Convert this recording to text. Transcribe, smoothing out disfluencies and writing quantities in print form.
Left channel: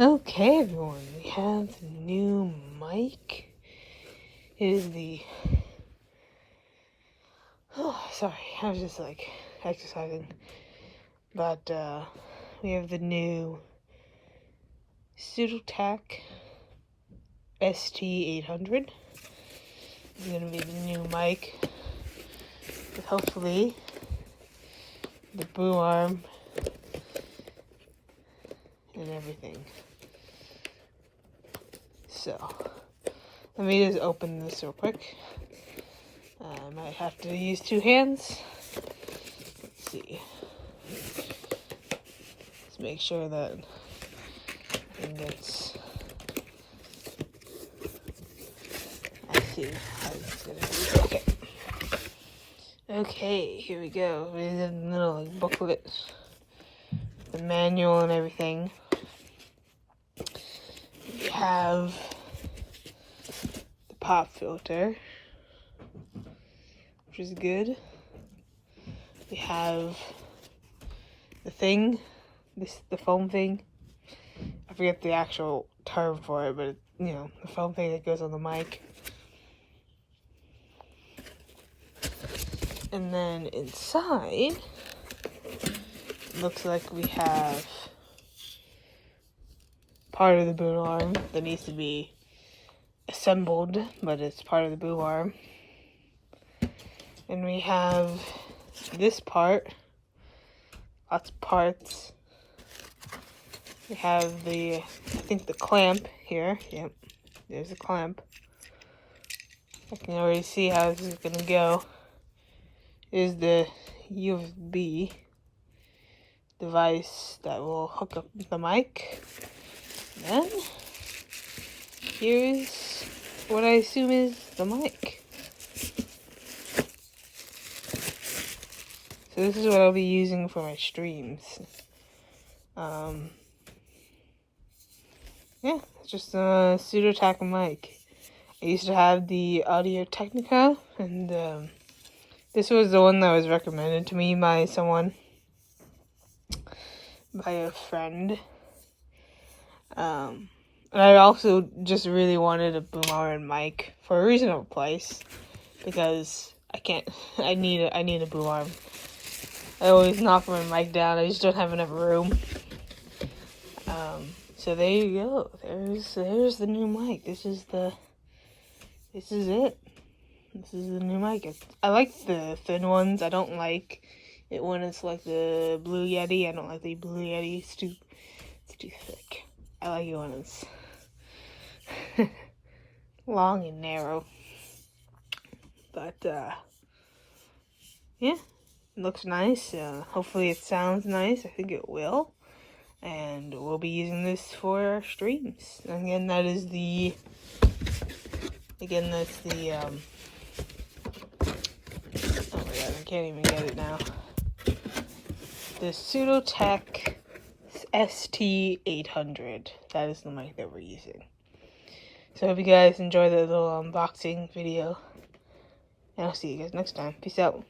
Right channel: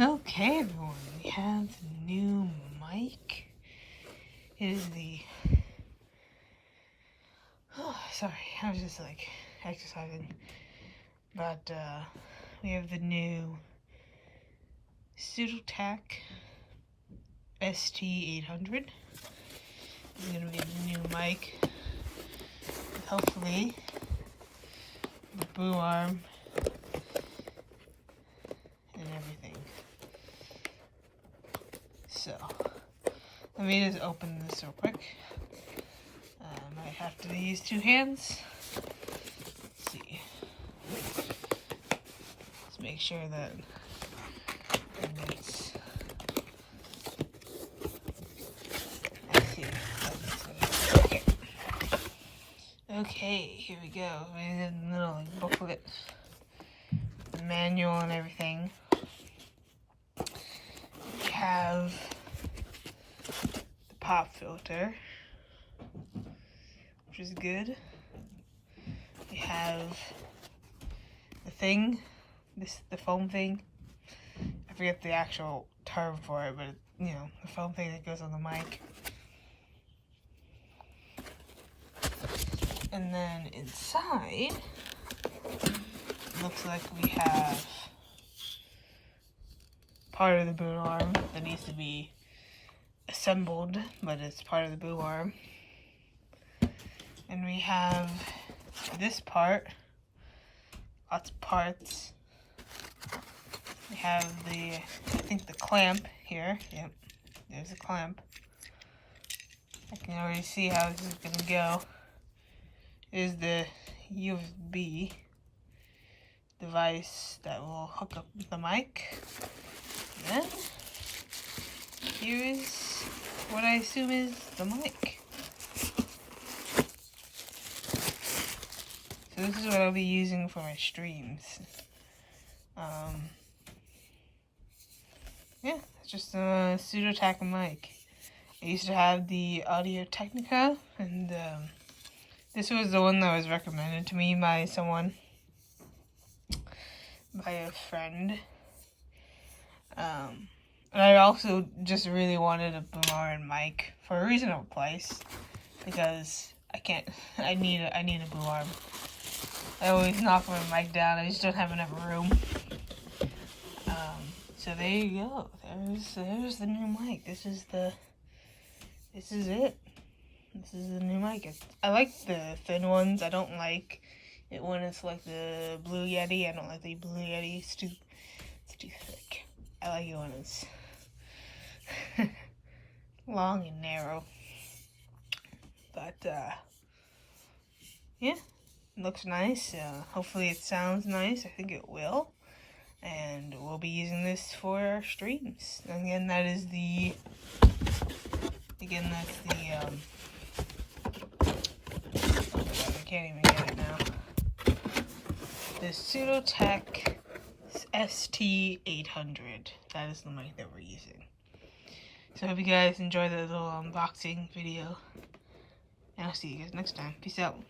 Okay, everyone, we have the new mic. It is the... Oh, sorry, I was just like exercising. But we have the new Sudotack ST-800. It's gonna be the new mic. With hopefully the boom arm and everything. So, let me just open this real quick. I might have to use two hands. Let's see. Let's make sure that it gets... Let's see. Okay. Okay, here we go. We're in the little booklet. The manual and everything. We have the pop filter, which is good. We have the thing, the foam thing. I forget the actual term for it, but you know, the foam thing that goes on the mic. And then inside, looks like we have part of the boom arm that needs to be assembled, but it's part of the boom arm. And we have this part, lots of parts. We have the, I think the clamp here. Yep, there's a clamp. I can already see how this is gonna go. Is the USB device that will hook up with the mic. And then here's what I assume is the mic. So this is what I'll be using for my streams. Yeah, it's just a Sudotack mic. I used to have the Audio Technica, and this was the one that was recommended to me by someone, by a friend. And I also just really wanted a boom arm mic for a reasonable price, because I need a boom arm. I always knock my mic down, I just don't have enough room. So there you go. There's the new mic. This is it. This is the new mic. I like the thin ones. I don't like it when it's like the Blue Yeti. I don't like the Blue Yeti. It's too thick. I like it when it's long and narrow. But yeah, it looks nice. Hopefully it sounds nice. I think it will. And we'll be using this for our streams. And again, that's the I can't even get it now. The Sudotack ST-800. That is the mic that we're using. So I hope you guys enjoy the little unboxing video. And I'll see you guys next time. Peace out.